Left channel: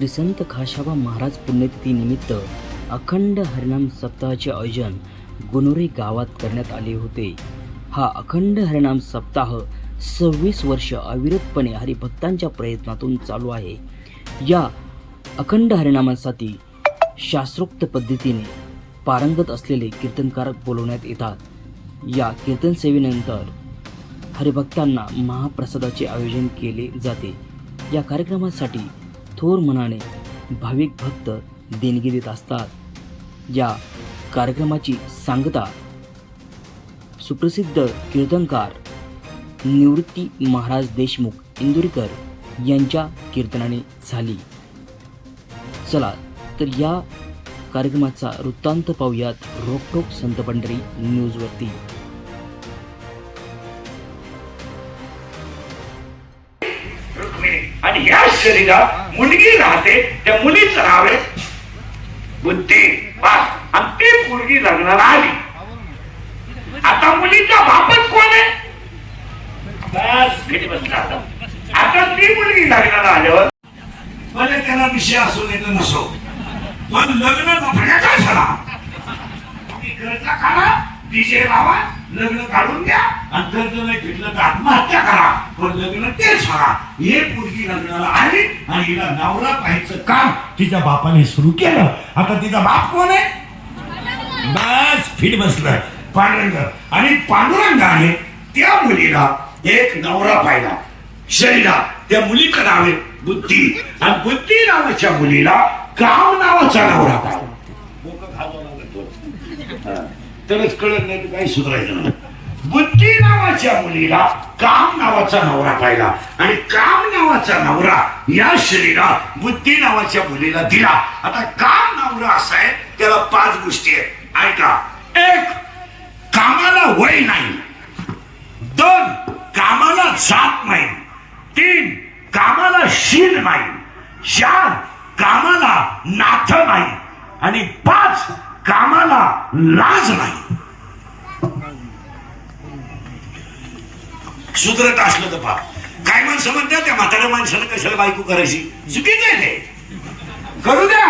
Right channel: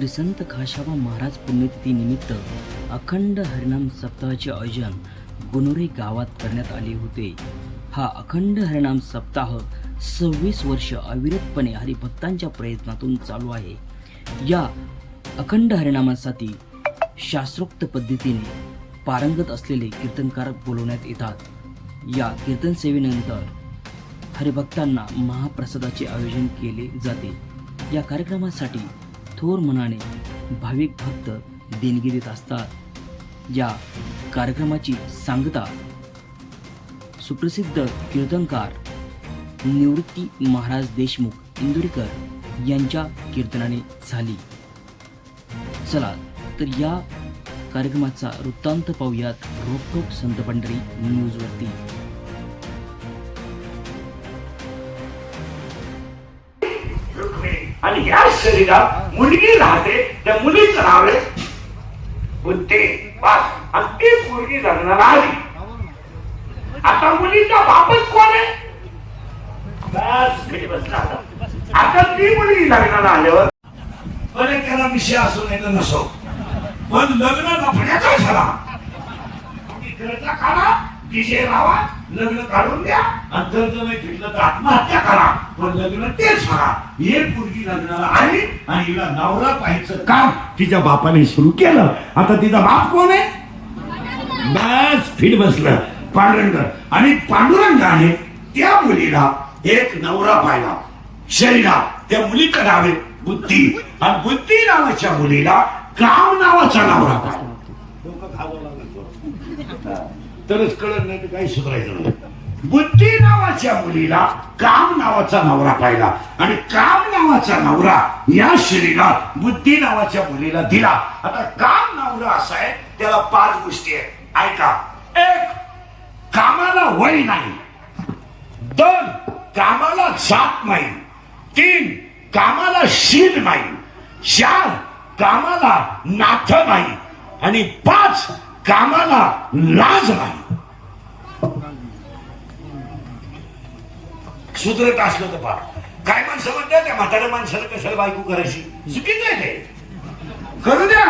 श्री संत खाशाबा महाराज पुण्यतिथी निमित्त अखंड हरिनाम सप्ताहाचे आयोजन गुणोरे गावात करण्यात आले होते. हा अखंड हरिनाम सप्ताह 26 वर्ष अविरतपणे हरिभक्तांच्या प्रयत्नातून चालू आहे. या अखंड हरिनामासाठी शास्त्रोक्त पद्धतीने पारंगत असलेले कीर्तनकार बोलवण्यात येतात. या कीर्तन सेवेनंतर हरिभक्तांना महाप्रसादाचे आयोजन केले जाते. या कार्यक्रमासाठी थोर मनाने भाविक भक्त देणगी देत असतात. या कार्यक्रमाची सांगता सुप्रसिद्ध कीर्तनकार निवृत्ती महाराज देशमुख इंदुरीकर यांच्या कीर्तनाने झाली. चला तर या कार्यक्रमाचा वृत्तांत पाहूयात रोखोक संत पंढरी न्यूजवरती. आणि या शरीरात मुलगी राहते, त्या मुलीचं नाव आहे बुद्धी. बस आणि ती मुलगी लग्नाला आली. आता मुलीचा बापच कोण आहे? बस घरी बसला. आता ती मुलगी लग्नाला आल्यावर भले त्याला विषय असू नये नसो, पण लग्न नफण्याचा झाला. कर्ज काढा, डीजे लावा, लग्न काढून द्या. आणि कर्ज नाही फिरलं तर आत्महत्या करा, पण लग्न तेच करा. हे मुलगी लग्नाला आली आणि हिला नवरा पाहायचं काम तिच्या बापाने सुरू केलं. आता तिचा बाप कोण आहे? बस फिट बसलं पांडुरंग. आणि पांडुरंगाने त्या मुलीला एक नवरा पाहिला. शरीरात त्या मुलीचं नाव आहे बुद्धी. आणि बुद्धी नावाच्या मुलीला काम नावाचा नवरा पाहिला. तरच कळत नाही तर काही सुधारायचं नाही. बुद्धी नावाच्या मुलीला काम नावाचा नवरा पाहिला. आणि काम नावाचा नवरा या शरीरात बुद्धी नावाच्या मुलीला दिला. आता काम नवरा असा आहे, त्याला 5 गोष्टी आहेत. ऐका. 1. कामाला वय नाही. 2. कामाला जात नाही. 3. कामाला शील नाही. 4. कामाला नाथ नाही. आणि 5. कामाला लाज नाही. सुधरत असलं तर पहा. काय माणसं म्हणतात त्या म्हाताऱ्या माणसाला कशाला बायको करायची? चुकीचं आहे ते. करू द्या.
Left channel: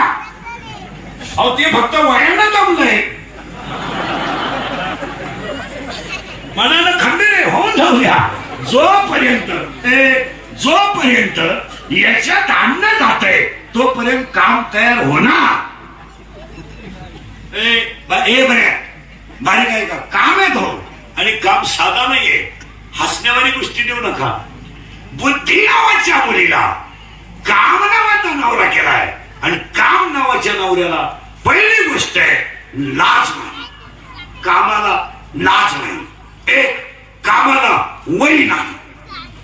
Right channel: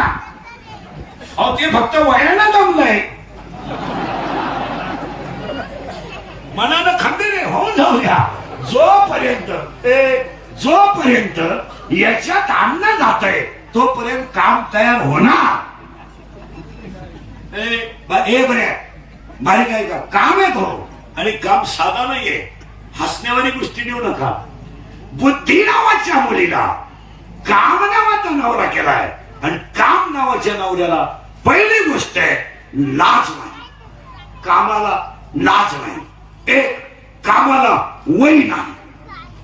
अहो ते फक्त वयाला जमलंय. मनानं खंबीर होऊन जाऊ द्या. जोपर्यंत याच्यात अन्न जात आहे तोपर्यंत काम तयार होणार. बरे बारीक आहे का? काम आहे तो. आणि काम साधा नाहीये. हसण्यावारी गोष्टी देऊ नका. बुद्धी नावाच्या मुलीला काम नावाचा नवरा केलाय. आणि काम नावाच्या नवऱ्याला पहिली गोष्ट आहे लाज नाही. कामाला लाज नाही. 1. कामाला वय नाही.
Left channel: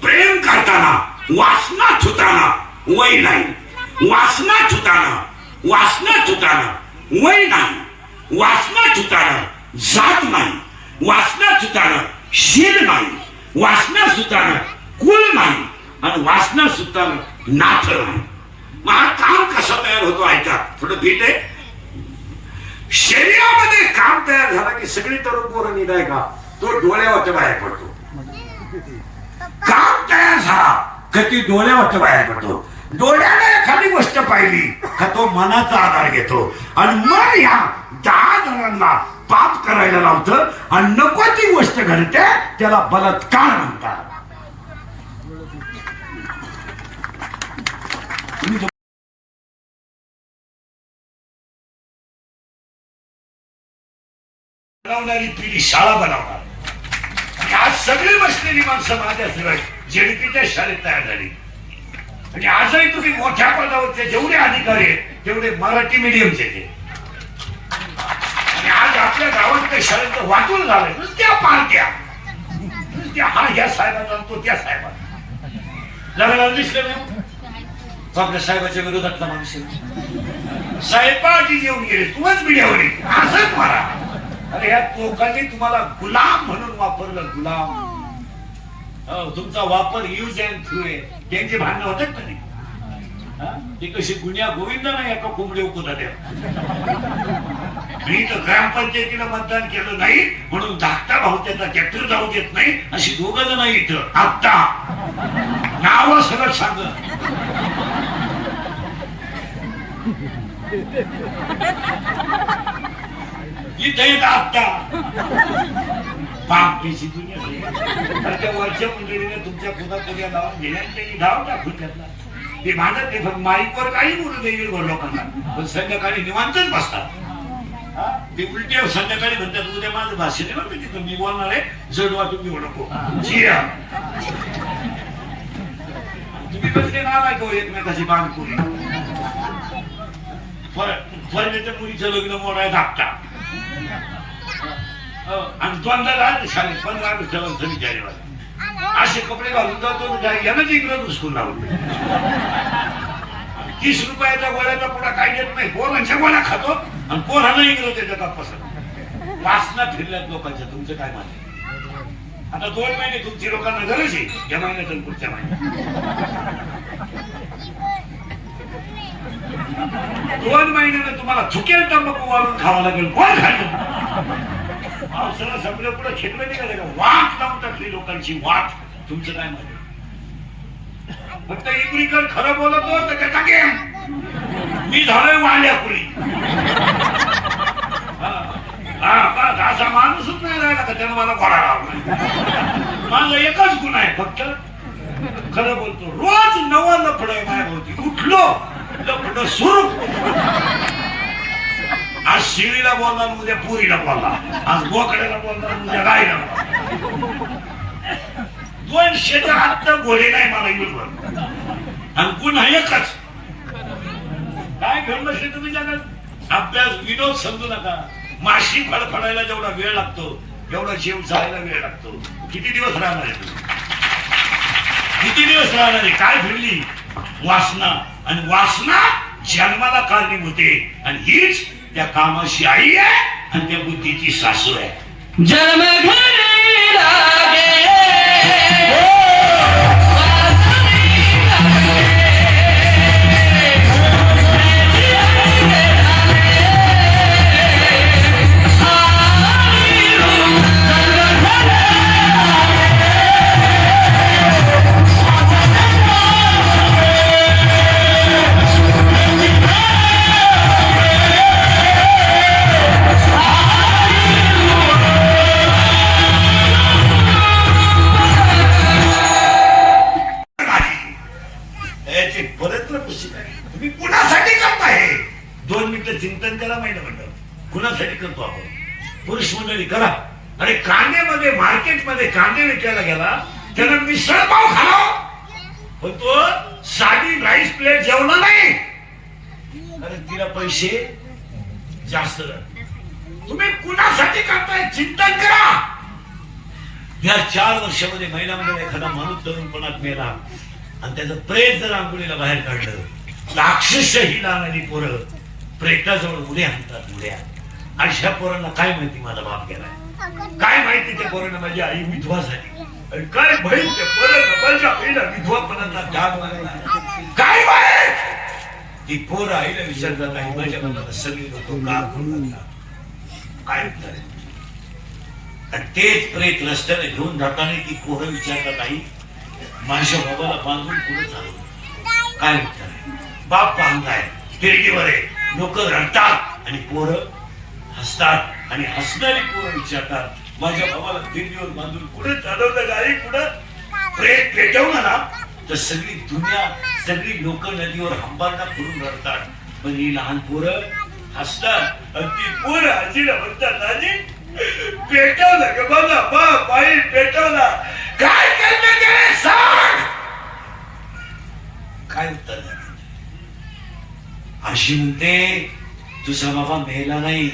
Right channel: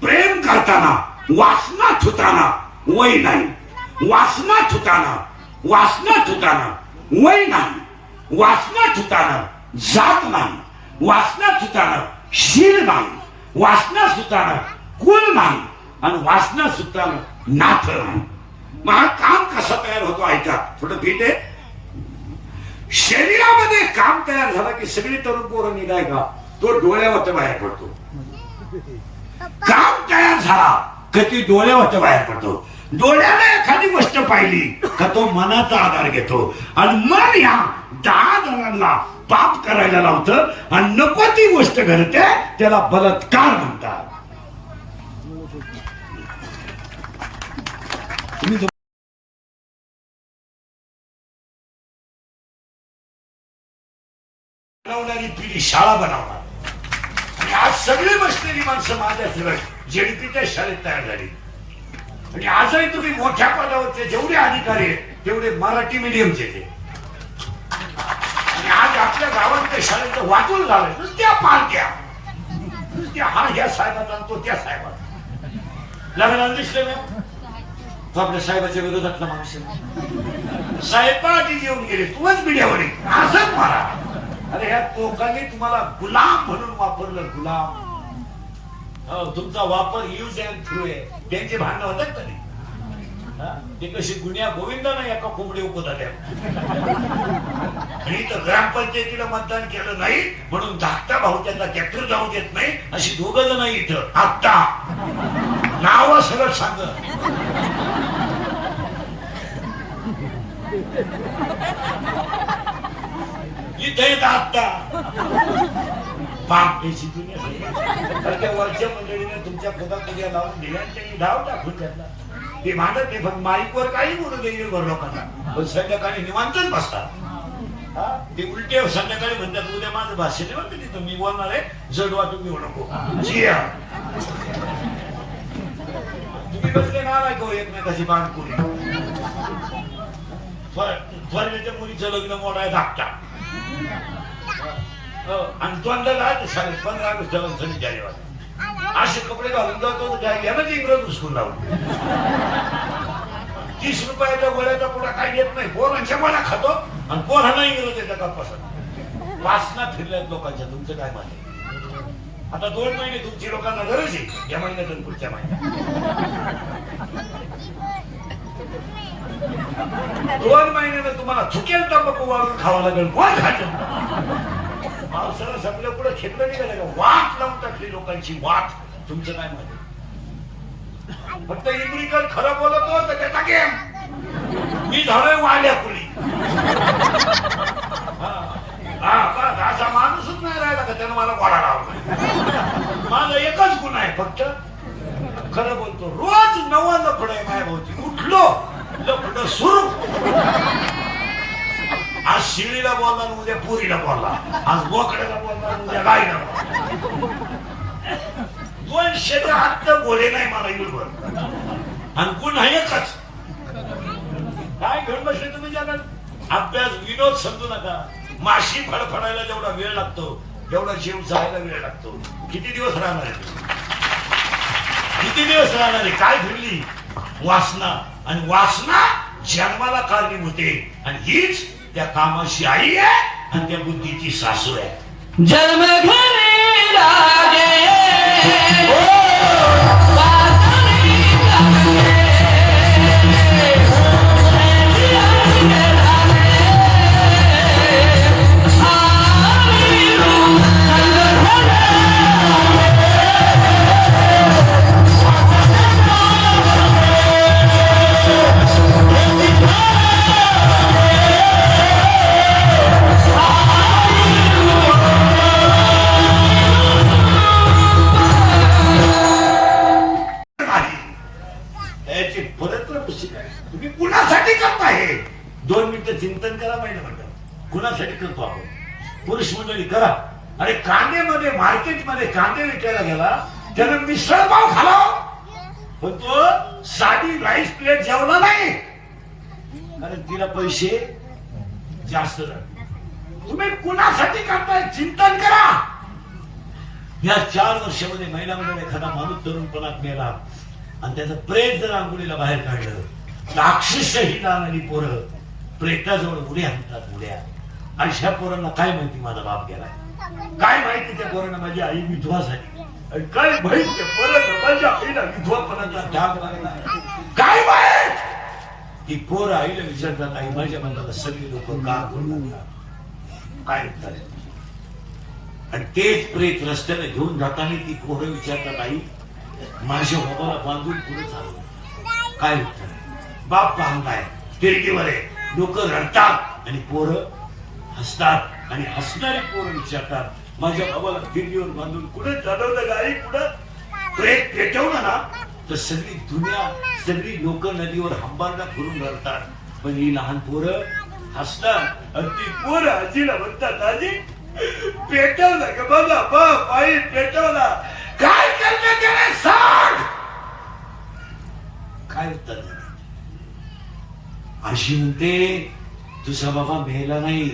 प्रेम करताना वासना छुताना वय नाही. वासना छुताना वय नाही. वासना छुताना जात नाही. वासना छुताना शील नाही. वासना सुताना कुल नाही. आणि वासना सुताना नाथ नाही. मग काम कसं तयार होतो ऐका. थोडं भीट आहे. शरीरामध्ये काम तयार झाला की सगळी तरुण पोरं निघाय का तो डोळ्यावर बाहेर पडतो. काम तयार झाला का ती डोळ्यावर बाहेर पडतो. डोळ्याला एखादी गोष्ट पाहिली का तो मनाचा आधार घेतो. आणि मग या 10 जणांना पाप करायला लावतं. आणि नको ती गोष्ट घडते त्याला बलात्कार म्हणतात. बनवणारी पिढी शाळा बनवणार. आणि आज सगळी बसलेली माणसं माझ्याशिवाय जेडीपीच्या शाळेत तयार झाली. आणि आजही तुम्ही मोठ्या पदावरचे जेवढे अधिकारी आहेत तेवढे मराठी मीडियमचे ते. आणि आज आपल्या गावातल्या शाळेत वाटून झालं नुसत्या पार्ट्या. नुसत्या हा ह्या साहेबाचा तो त्या साहेबाचा. लग्नाला दिसले नाही तो आपल्या साहेबाच्या विरोधातला माणूस. साहेबाची जेवण गेले तूच मीडियावर असंच मारा. अरे ह्या लोकांनी तुम्हाला गुलाम म्हणून वापरलं. गुलाम. तुमचा वापर यूज अँड थ्रू आहे. त्यांचे भांडणं होतात का नाही? ते कशी गुन्ह्या गोविंद नाही एका कोंबडी उपदा द्या. मी तर ग्रामपंचायतीला मतदान केलं नाही म्हणून धाकटा भाऊ त्याचा ट्रॅक्टर जाऊ देत नाही अशी 2 जण इथं. आता नाव सरळ सांग. इथे आता पाप पेशी तर त्या वरच्या मंडळीने तुमच्या खोदात लावून दिल्या त्यांनी धाव टाकून त्यातला ते माझं ते फक्त माईकवर काही बोलू देईल गोर लोकांना पण संध्याकाळी निवांतच बसतात ते उलटे संध्याकाळी म्हणतात उद्या माझं भाषण आहे तिथं मी बोलणार आहे जडवा तुम्ही नको तुम्ही कसले नाव ऐकू एकमेकाची बांधकुरी फरण्याच्या मुलीचं लग्न मोडाय धाकटा आणि द्वंद्वला शाळेत 15 वर्षाला सणी जायला असे कपडे घालून जातो यानं इंग्रज उचकून लावून 30 रुपयाच्या गोळ्याचा पुढा काय देत नाही पोरांच्या गोळ्या खातो आणि पोरांना इंग्रज त्याच्या कापासून वासना फिरल्यात लोकांच्या तुमचं काय म्हणणं आता 2 महिने तुमची लोकांना गरज आहे या महिन्यातून पुढच्या महिन्यात 2 महिन्याने तुम्हाला चुकेल तंबाखू वाळून खावा लागेल कोण खातो पावसाळा सगळं पुढे खेळलं निघालं का वाट लावून टाकली लोकांची वाट तुमचं काय म्हणणं फक्त इकडीकर खरं बोलत हो तर त्याचा गेम मी झालोय वाढल्या कुणी असा माणूसच नाही राहिला का त्यानं मला गोळा लावला माझा एकच गुन्हा आहे फक्त खरं बोलतो रोज नवा लफड आहे काय होती उठलो लफड सुरू आज शिळीला बोलला उद्या पुरीला बोलला आज बोकड्याला बोलला उद्या गायला 278 घोडे नाही मला युरोपवर आणि गुन्हा एकच काय घडलं असेल तुम्ही जगात अभ्यास विनोद समजू नका माशी फडफडायला जेवढा वेळ लागतो एवढा जीव जायला वेळ लागतो किती दिवस राहणार आहे किती दिवस राहणार आहे काय घडली वासना आणि वासना जन्माला कारणीभूत आहे आणि हीच त्या कामाची आई आहे आणि त्या बुद्धीची सासू आहे जन्म घेणे लागे तुम्ही कुणासाठी करताय 2 मिनिटं चिंतन करा माहिती म्हणतात कुणासाठी करतो आपण पुरुष मंडळी करा अरे कांद्यामध्ये मार्केटमध्ये कांदे विकायला गेला त्यानं मिसळ पाव खाला पण तो साधी राईस प्लेट जेवला नाही अरे तिला पैसे जास्त तुम्ही कुणासाठी करताय चिंतन करा या 4 वर्षामध्ये महिन्यामध्ये एखादा माणूस तरुणपणात मेला आणि त्याचं प्रेत जर आंघोळीला बाहेर काढलं तर अक्षरशः लागणारी पोरं प्रेताजवळ उड्या आणतात उड्या अशा पोरांना काय माहिती माझा बाप गेलाय काय माहिती त्या पोरांना माझी आई विधवा झाली काय बहीण त्या पोरांना माझ्या आईला विधवापणाचा डाग लागला काय माहित ती पोर आईला विचारतात आई माझ्या मनाला सगळी लोक का बोलतात काय उत्तर आहे आणि तेच प्रेत रस्त्याने घेऊन जाताना ती पोरं विचारतात आई माझ्या बाबाला बांधून पुढे चालू काय उत्तर बाप बांधलाय तिरडीवर आहे लोक रडतात आणि पोरं हसतात आणि हसणारी पोरं विचारतात माझ्या बाबाला तिरडीवर बांधून कुठे चालवलं गाडी कुठं प्रेत पेटवलं ना तर सगळी दुनिया सगळी लोक नदीवर हंबारडा फिरून रडतात पण ही लहान पोरं हसतात आणि ती पोरं आजीला म्हणतात आजी पेटवलं का माझा बाप आई पेटवला काय करणार त्याला सांग काय उत्तर अशी म्हणते तुझा बाबा मेला नाही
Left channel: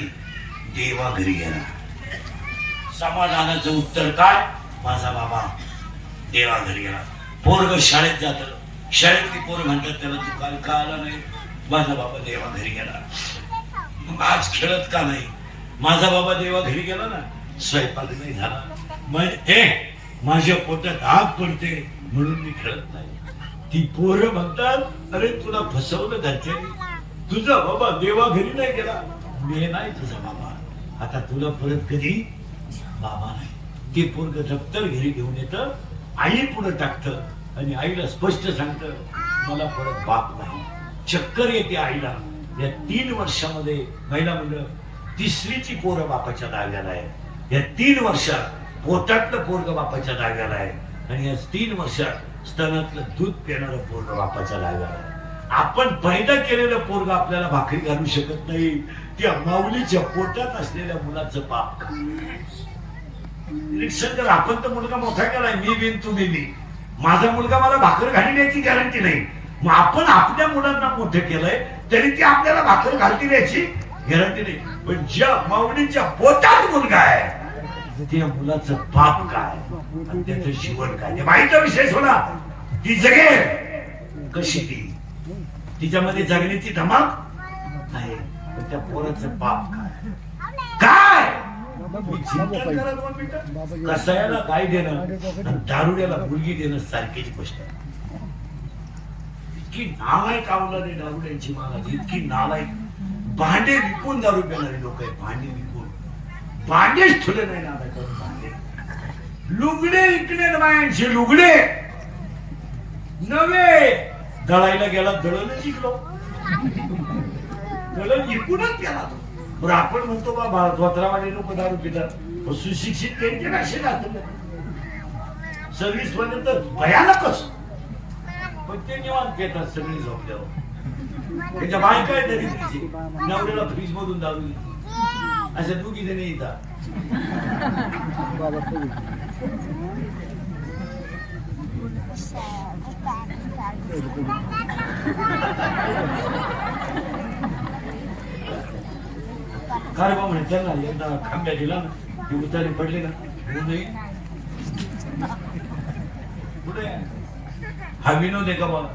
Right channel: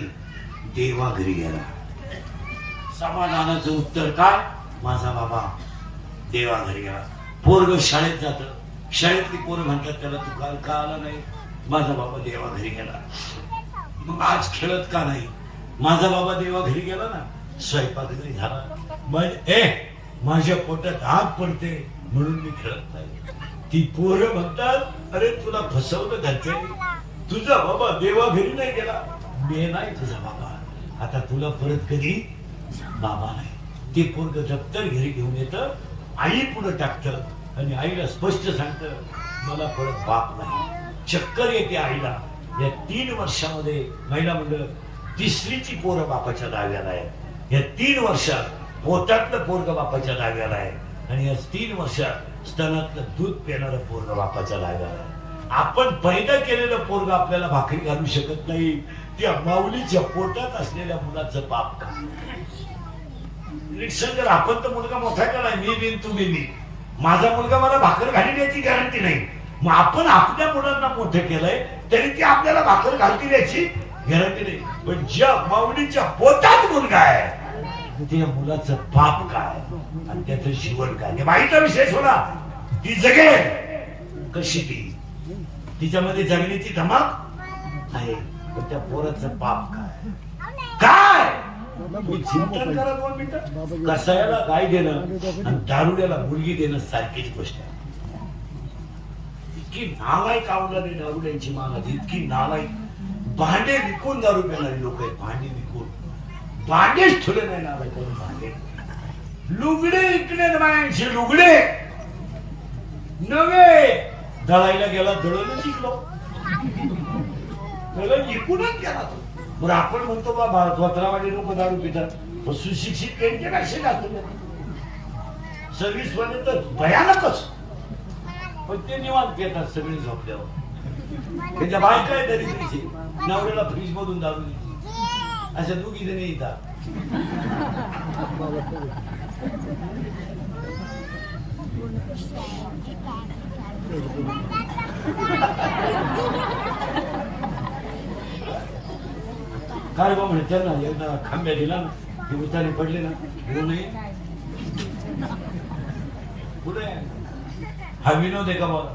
देवा घरी गेला समाधानाचं उत्तर काय माझा बाबा देवा घरी गेला पोरग शाळेत जात शाळेतली पोरं म्हणतात त्याला तू काय का आला नाही माझा बाबा देवा घरी गेला मग आज खेळत का नाही माझा बाबा देवा घरी गेला ना स्वयंपाक नाही झाला माझ्या पोटात आग पडते म्हणून मी खेळत नाही ती पोरं म्हणतात अरे तुला फसवलं घरचे तुझा बाबा देवा घरी नाही गेला मी नाही तुझा बाबा आता तुला परत कधी बाबा नाही ते पोरग दप्तर घरी घेऊन येतं आई पुढे टाकतं आणि आईला स्पष्ट सांगतं मला परत बाप नाही चक्कर येते आईला या 3 वर्षामध्ये महिला मंडळ तिसरीची पोरं बापाच्या दाव्याला आहे. या 3 वर्षात पोटातलं पोरग बापाच्या दाव्याला आहे आणि या 3 वर्षात स्तनातलं दूध पिणारं पोरग बापाच्या दाव्याला आहे. आपण पैदा केलेलं पोरग आपल्याला भाकरी घालू शकत नाही. त्या माऊलीच्या पोटात असलेल्या मुलाचं पाप का? जर आपण तर मुलगा मोठा केलाय, मी बिन तुम्ही मी, माझा मुलगा मला भाकर घालण्याची गॅरंटी नाही. मग आपण आपल्या मुलांना मोठं केलंय तरी ती आपल्याला भाकर घालतील याची गॅरंटी नाही. पण ज्या माऊलीच्या पोटात मुलगा आहे त्या मुलाचं पाप काय आणि त्याचं जीवन काय ते माहिती विषय सोडा. ती जगेल कशी, तिच्यामध्ये जगण्याची धमक आहे, पण त्या पोराचं पाप काय मी चिंतन करा 2 मिनिटं. कसायाला गाय देणं आणि दारुड्याला मुलगी देणं सारखीच गोष्ट. इतकी नालायक आवलादी दारुड्यांची माला, इतकी नालायक. भांडे विकून दारू पिणारी लोक आहेत. भांडे विकून, भांडेच ठुले नाही ना भांडे. लुगडे इकडे बायांचे लुगडे नवे दळायला गेला, दळून शिकलो, दळण विकूनच गेला तो. बरं आपण म्हणतो बाबा धोत्रावाडी लोक दारू पितात, सुशिक्षित त्यांचे कसे असतो सर्व्हिस मध्ये तर भयानकच. पण ते निवांत पितात सगळे झोपल्यावर. त्याच्या बाय काय तरी नवऱ्याला फ्रीज मधून दारू देते. असे 2 जणी येतात. काय बघ त्यांना एकदा खांब्या दिला ना, ती उतारी पडली ना, पुढे हा विनोद आहे का बघ.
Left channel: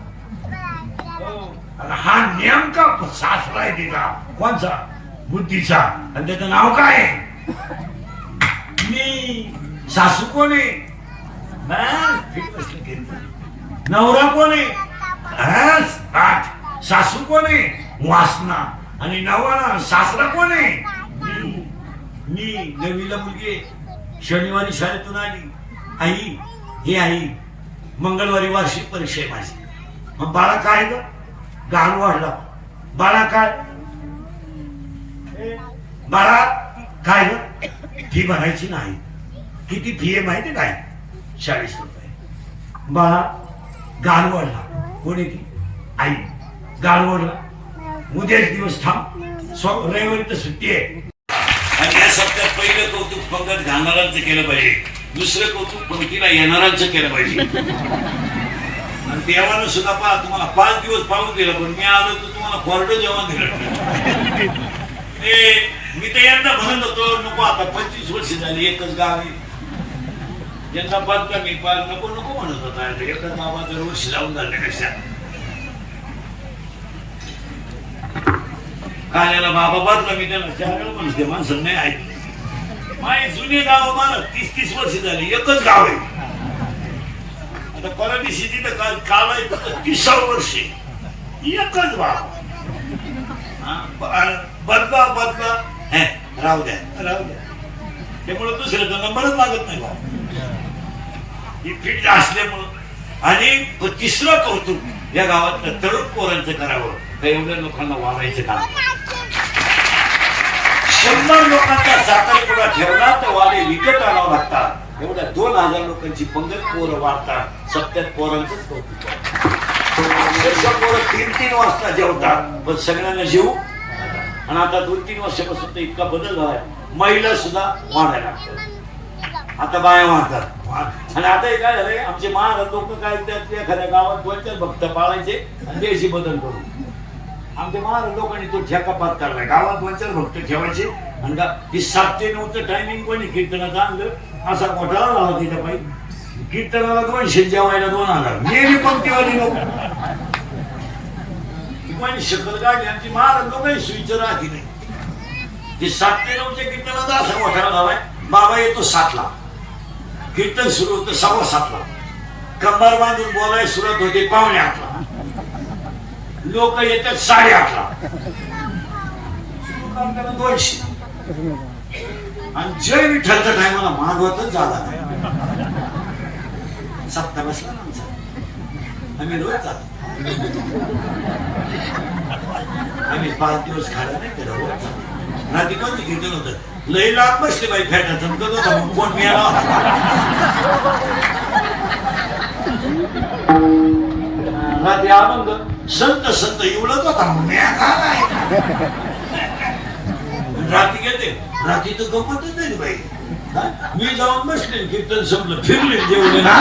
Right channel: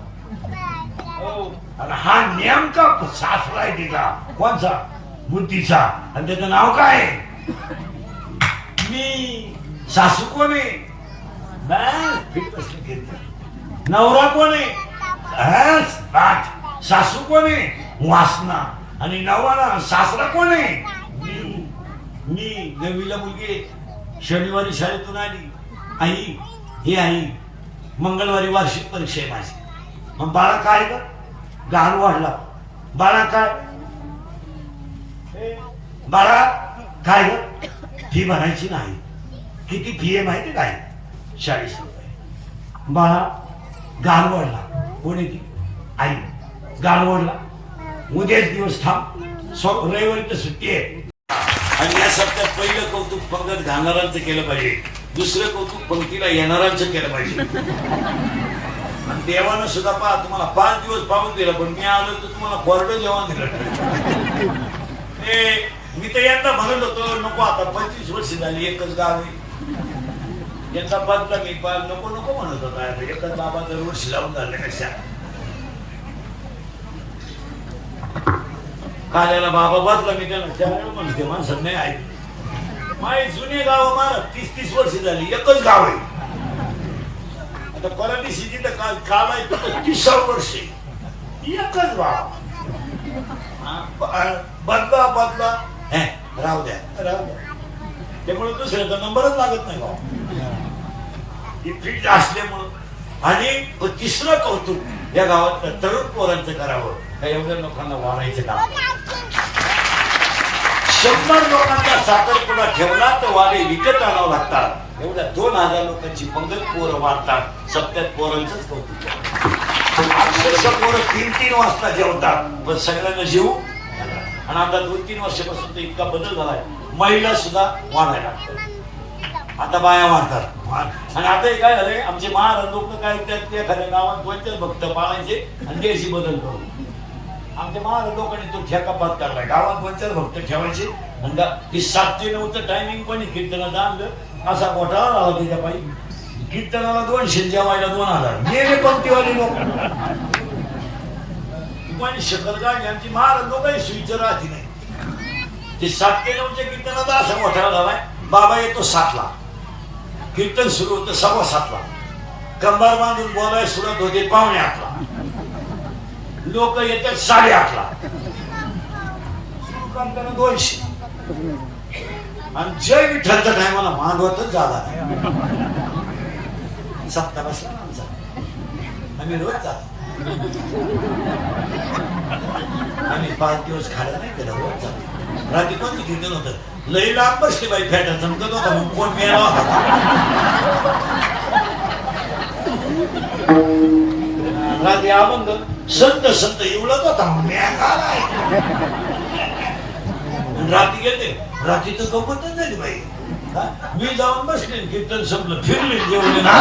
हा नेमका सासरा आहे तिचा. कोणचा? बुद्धीचा. आणि त्याचं नाव काय? मी. सासू कोण आहे? नवरा कोण आहे? सासू कोण आहे? वासना. आणि नवरा सासरा कोण आहे? मी. नवीला मुलगी शनिवारी शाळेतून आली. आई, हे आई, मंगळवारी वार्षिक परीक्षा आहे माझी. मग बाळा काय ग? गाण वाढला. बाळा काय? बाळा काय ग? फी भरायची नाही. किती फी आहे माहिती काय? 40 रुपये. बाळा गाण वाढला. कोणी ती? आई. गाण वाढला. उद्याच दिवस थांब, रविवारी तर सुट्टी आहे. आणि या सप्त्यात पहिलं कौतुक पंगत घालणाऱ्यांचं केलं पाहिजे, दुसरं कौतुक पंक्तीला येणाऱ्यांचं केलं पाहिजे. आणि देवानं सुद्धा तुम्हाला 5 दिवस पाहून दिला, पण मी आलो तर तुम्हाला कोरडं जेवण दिलं. मी तर यंदा म्हणत होतो नको, आता 25 वर्ष झाली एकच गाव आहे. यंदा बदला मी नको नको म्हणत होता. एकच बाबा दरवर्षी लावून झाल्यापेक्षा काल्याला बाबा बदला मी त्यांना त्यावेळेला म्हणते माणसं नाही ऐकले. माझी जुनी गाव मला 30 वर्ष झाली एकच गाव आहे. आता परदेशी तिथं काल आहे 30 वर्ष एकच गाव. बदला बदला राहू द्या राहू द्या. त्यामुळे दुसऱ्याचा नंबरच लागत नाही बा ही फिट असल्यामुळं. आणि तिसरं कौतुक या गावात तरुण पोरांचं करावं. एवढ्या लोकांना वाढायचं काम. 100 लोकांचा साखरपुडा ठेवला तर वारे विकत आणावं लागतात. एवढ्या 2000 लोकांची पंगत पोरं वाढतात. 70 पोरांचंच कौतुक. अक्षरशः पोरं 3-3 वाजता जेवतात, पण सगळ्यांना जेवू. आणि आता 2-3 वर्षापासून तर इतका बदल झालाय, महिला सुद्धा वाढायला लागतात. आता बाया वाढतात. आणि आता काय झालंय, आमचे महाराज लोक काय एखाद्या गावात 2-4 भक्त पाळायचे आणि देशी बदल करून. आमच्या महाराज लोकांनी तो ठेका पत्कारलाय. गावात 2-4 भक्त ठेवायचे. म्हणजे 7 ते 9चं टायमिंग कोणी कीर्तनात आणलं असा घोटाळा झाला त्याच्या पायी. कीर्तनाला 200, जेवायला 2000. नेहमी पंक्तीवाली लोक कोणी शकल काढली. आमची महाराज लोकांनी सुईचं राहती नाही. ते 7 ते 9च्या कीर्तनात असा घोटाळा झालाय. बाबा येतो 7ला, कीर्तन सुरू होतं 7:15ला. कंबर बांधून बोलायला सुरुवात होते 7:45ला. लोक येतात 8:30ला. सुरू काम करा 200. आणि जय विठ्ठलच्या टायमाला मागवतच झाला नाही. सप्ताह बसला आमचा. आम्ही रोज जातो. आम्ही 5 दिवस खायला नाही केलं हो. रात्री नव्हतं कीर्तन होतं लई लाभ बसले बाई फेटा चमकत होता मग कोण मिळाला होता रात्री आनंद संत संत एवढंच होता रात्री गेले रात्री तर गमतच नाही बाई मी जाऊन बसले कीर्तन संपलं फिरले जेवले ना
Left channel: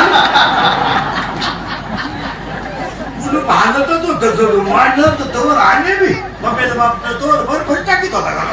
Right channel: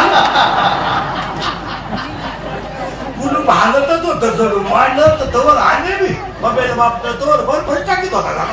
मुलं भांडतच होतं जरूर वाढलं तर तवर आले मी बाबेला बापला तवर भरपूर टाकीत होता का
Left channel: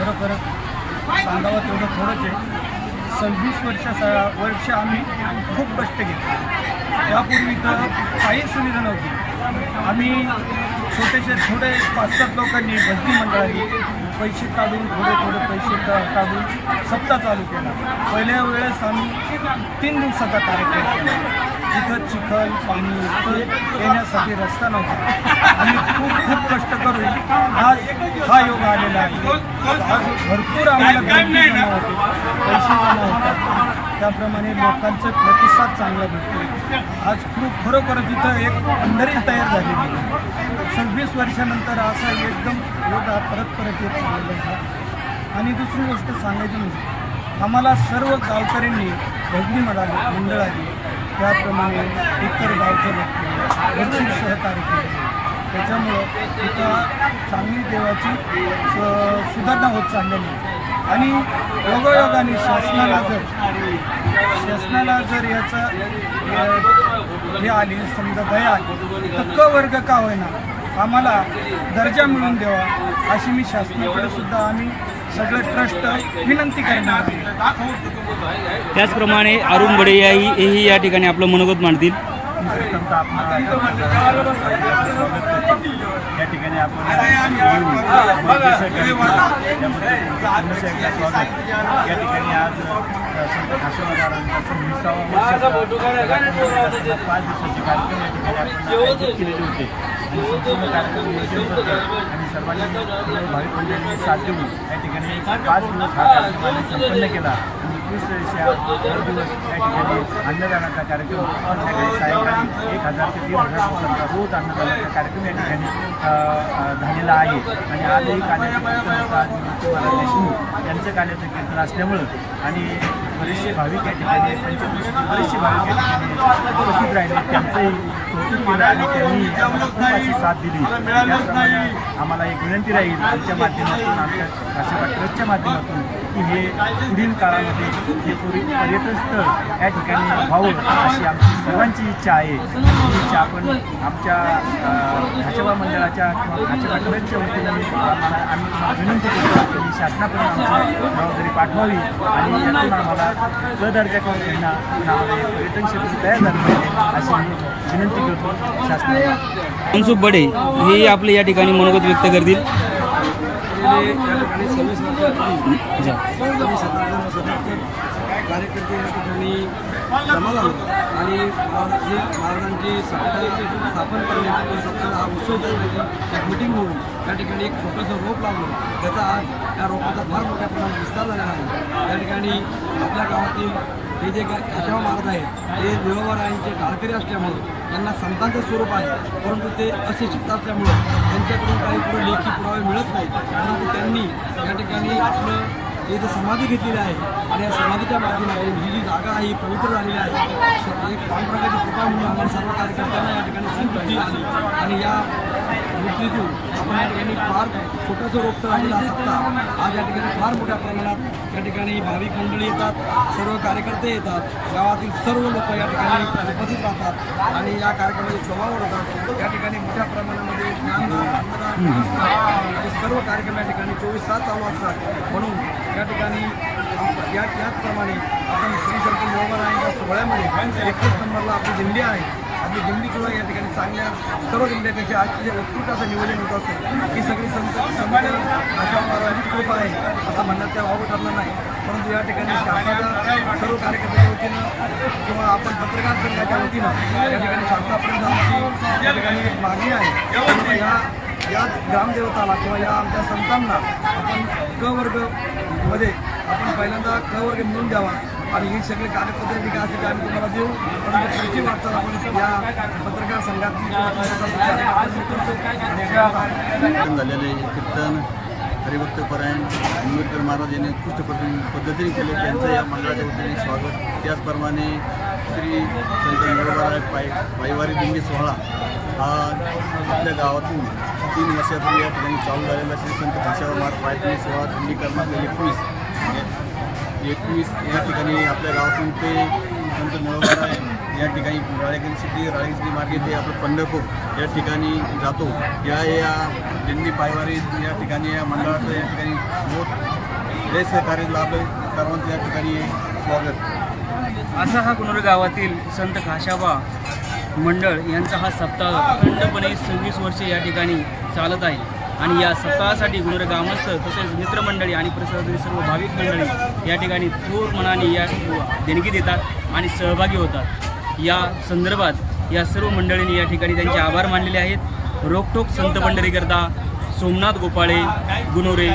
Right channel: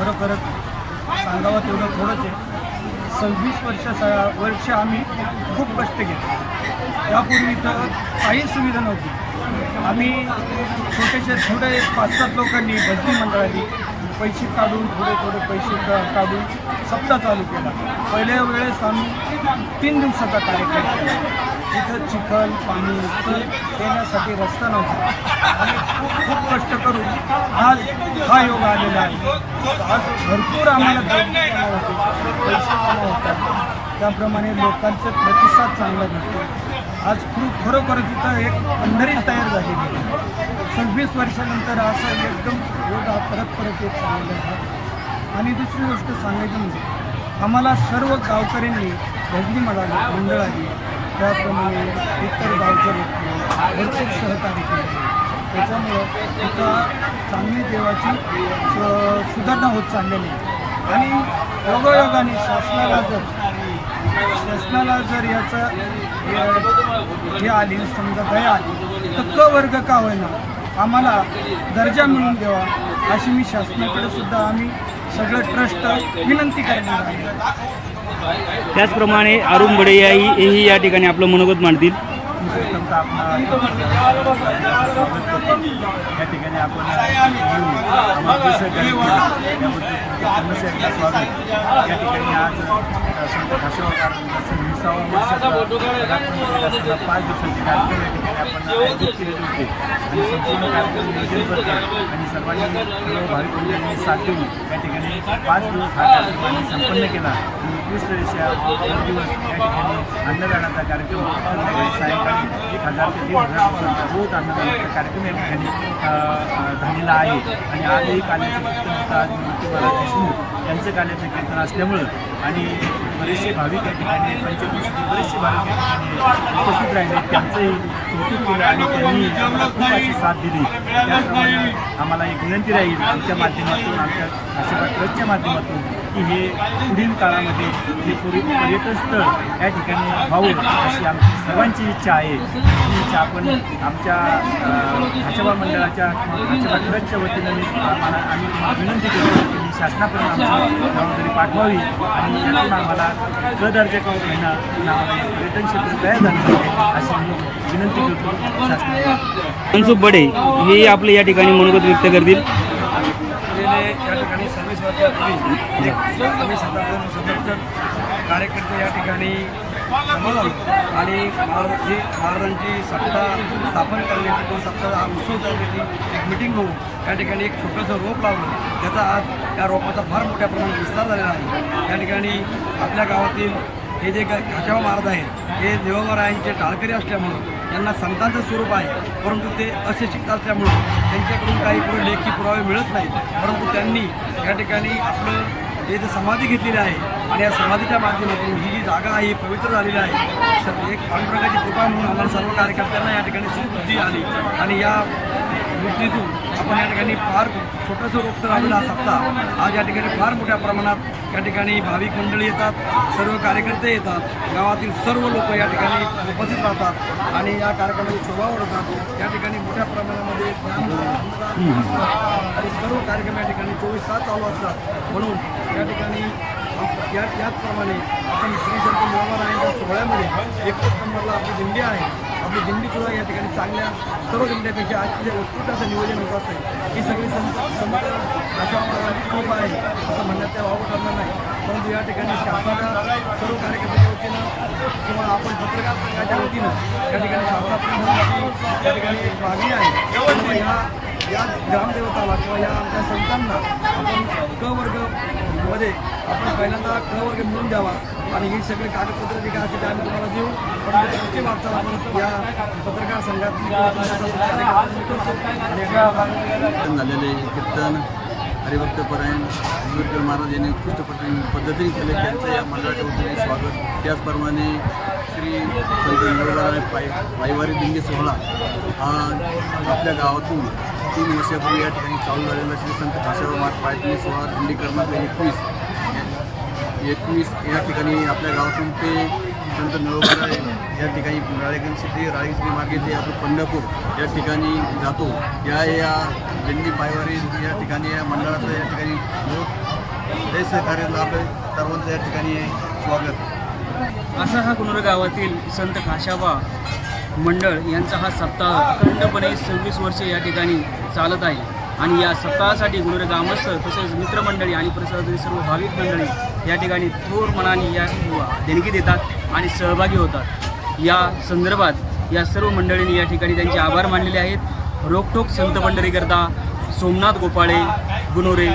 खरोखरच सांगावं तेवढं थोडंच आहे 26 वर्ष आम्ही खूप कष्ट घेतले त्यापूर्वी तर काही सुविधा नव्हती आम्ही थोडे 5-7 लोकांनी भजनी मंडळांनी पैसे काढून थोडे पैसे काढून सप्ताह चालू केला पहिल्या वेळेस आम्ही 3 दिवसाचा कार्यक्रम केला तिथं चिखल पाणी इथं येण्यासाठी रस्ता नव्हता आम्ही खूप कष्ट करून आज हा योग आलेला आहे आज भरपूर आम्हाला गर्दी जमा होते पैसे जमा होतात त्याप्रमाणे लोकांचे प्रतिसाद चांगला भेटतो आज खरोखरच इथं एक पंढरी तयार झालेली आहे 26 वर्षानंतर असा एकदम योग हा परत येत चाललेला आहे आणि दुसरी गोष्ट सांगायची म्हणजे आम्हाला सर्व गावकऱ्यांनी भजनी मंडळांनी त्याप्रमाणे इतर गावच्या लोकांनी भरपूर सहकार्य केले त्याच्यामुळं इथं चांगली देवाची सुधारणा होत चाललेली आहे आणि योगायोगाने शासनाला जर याचा हे आली समजा दया आली तर क वर्ग का होईना आम्हाला दर्जा मिळवून द्यावा अशी मी शासनाकडे सुद्धा आम्ही सगळं ट्रस्ट विनंती करणार आहे त्याचप्रमाणे अरुण बडे हेही या ठिकाणी आपलं मनोगत मांडतील प्रथमतः आपण स्वागत करतो या ठिकाणी आपण येऊन आम्हाला जे सहकार्य केलं त्याबद्दल तुमचं पुन्हा एकदा स्वागत या ठिकाणी आज संत खाशेबा महाराजांचा 26वा वर्षाचा 5 दिवसाचे कार्यक्रम या ठिकाणी आपण आयोजित केलेले होते आणि संपूर्ण कार्यक्रम नियोजनबद्ध आणि सर्वांनी सर्व भाविक मंडळींनी साथ देऊन या ठिकाणी 5 दिवस हा कार्यक्रम आम्ही संपन्न केला आणि उत्कृष्टरित्या दर दिवस या ठिकाणी अन्नदानाचा कार्यक्रम संध्याकाळी सायंकाळी 1000 ते 1500 लोकांचा रोज अन्नदानाचा कार्यक्रम या ठिकाणी झालेला आहे. आणि आजही काल्याचं कीर्तन होतं. आज मूर्ती महाराज देशमुख यांचं काल्याचं कीर्तन असल्यामुळं आणि बरेचसे भाविक या ठिकाणी पंचक्रोशीतील बरेचसे भाविक या ठिकाणी उपस्थित राहिले, त्यांचंही कौतुक केलं आणि त्यांनी आम्हाला खूप अशी साथ दिली. त्याचप्रमाणे आम्हाला एक विनंती राहील आमच्या माध्यमातून, आमच्या काशीबा ट्रस्टच्या माध्यमातून, की हे पुढील काळामध्ये हे पर्यटन स्थळ या ठिकाणी व्हावं अशी आमची सर्वांची इच्छा आहे. आणि ही इच्छा आपण आमच्या खाचेबा मंडळाच्या किंवा खाचेबा ट्रस्टच्या वतीनं आम्ही तुम्हाला विनंती करतो की ही शासनापर्यंत आमची जबाबदारी पाठवावी आणि यातून आम्हाला क दर्जा करून होईना पण आम्हाला हे पर्यटन क्षेत्र तयार झालं पाहिजे अशी मी विनंती करतो शासनाला. मनसुख बडे हे आपले या ठिकाणी मनोगत व्यक्त करतील. या ठिकाणी 26 वर्षापूर्वी शताब्दी कार्यकर्ते या ठिकाणी जमा झालो आणि महाराजांची सत्ता स्थापन करण्याची किंवा सत्ता हा उत्सव करण्याची एक मिटिंग होऊन त्या ठिकाणी एक छोटंसं रोप लावलं. त्याचा आज या रोपाचा फार मोठ्या प्रमाणात विस्तार झालेला आहे. त्या ठिकाणी आपल्या गावातील हे जे खाचेबा महाराज आहेत ते निवडरायांचे टाळकरी असल्यामुळं त्यांना संतांचं स्वरूप आहे, परंतु ते अशिक्षित असल्यामुळं त्यांच्याकडून काही पुढे लेखी पुरावे मिळत नाहीत. परंतु त्यांनी या ठिकाणी आपलं हे जे समाधी घेतलेली आहे आणि या समाधीच्या माध्यमातून ही जी जागा आहे ही पवित्र झालेली आहे. एक पांडुरंगाची कृपा म्हणून आम्हाला सर्व कार्यकर्त्यांना या ठिकाणी सुबुद्धी आली आणि या वृत्तीतून आपण या ठिकाणी फार छोटंसं रोपटं लावलेला सप्ताह आज या ठिकाणी फार मोठ्या प्रमाणात या ठिकाणी भाविक मंडळी येतात, सर्व कार्यकर्ते येतात, गावातील सर्व लोक या ठिकाणी उपस्थित राहतात आणि या कार्यक्रमाची शोभा वाढवतात. या ठिकाणी मोठ्या प्रमाणामध्ये ज्ञानदान, अन्नदान आणि सर्व कार्यक्रम या ठिकाणी 24 तास चालू असतात. म्हणून या ठिकाणी याचप्रमाणे आपण श्री संत निवडरायांच्या सोहळ्यामध्ये 21 नंबरला आपली दिंडी आहे. आपली दिंडीसुद्धा या ठिकाणी चांगल्या सर्व दिंड्यापेक्षा आजची जे उत्कृष्ट असं नियोजन होत असेल ही सगळी संत खाचेबा महाराजांचीच कृपा आहे असं म्हणण्यात काय वावं ठरलं नाही. परंतु या ठिकाणी शासनाच्या सर्व कार्यकर्त्यांच्या वतीनं किंवा आपण पत्रकार संघाच्या वतीनं या ठिकाणी शासनापर्यंत आमची या ठिकाणी एक मागणी आहे किंवा या ग्रामदेवताला किंवा या आमच्या संतांना आपण क वर्गमध्ये आपण पहिल्यांदा क वर्ग मिळून द्यावा आणि ही सगळे कागदपत्र जे काय असेल ते आम्ही तुम्हाला देऊ. परंतु पुढची वाटचाल आपण या पत्रकार संघातली किंवा तुमच्या कार्यकर्त्यांनी करतो. आणि झालेले कीर्तन हरिभक्त परायण निवडकर महाराज यांनी उत्कृष्ट पद्धतीने केले, त्यांचं या मंडळाच्या वतीने स्वागत. त्याचप्रमाणे श्री संत निवडराय पायवारी दिंडी सोहळा हा आपल्या गावातून 3 वर्षापूर्वी या ठिकाणी चालू झालेला श्री संत खाचेबा महाराज पायदिंडी सोहळा दिंडी क्रमांक 21 या ठिकाणी आपल्या गावातून ते संत निवडराय या ठिकाणी राळेगण मार्गे ते आपलं पंढरपूर या ठिकाणी जातो. या दिंडी पायवारी या ठिकाणी या मंडळाचं या ठिकाणी बहुत लय सहकार्य लाभलं. सर्वांचं या ठिकाणी स्वागत. असा हा गुनोरे गावातील संत खाचेबा मंडळ यांचा हा सप्ताह अखंडपणे 26 वर्षे या ठिकाणी चालत आहे आणि या सप्ताहासाठी गुनोरे ग्रामस्थ तसेच मित्रमंडळी आणि परिसरातील सर्व भाविक मंडळी या ठिकाणी थोर मनाने या देणगी देतात आणि सहभागी होतात. या संदर्भात या सर्व मंडळींनी या ठिकाणी त्यांचे आभार मानलेले आहेत. रोखोक संत पंढरीकरता सोमनाथ गोपाळे, गुनोरे.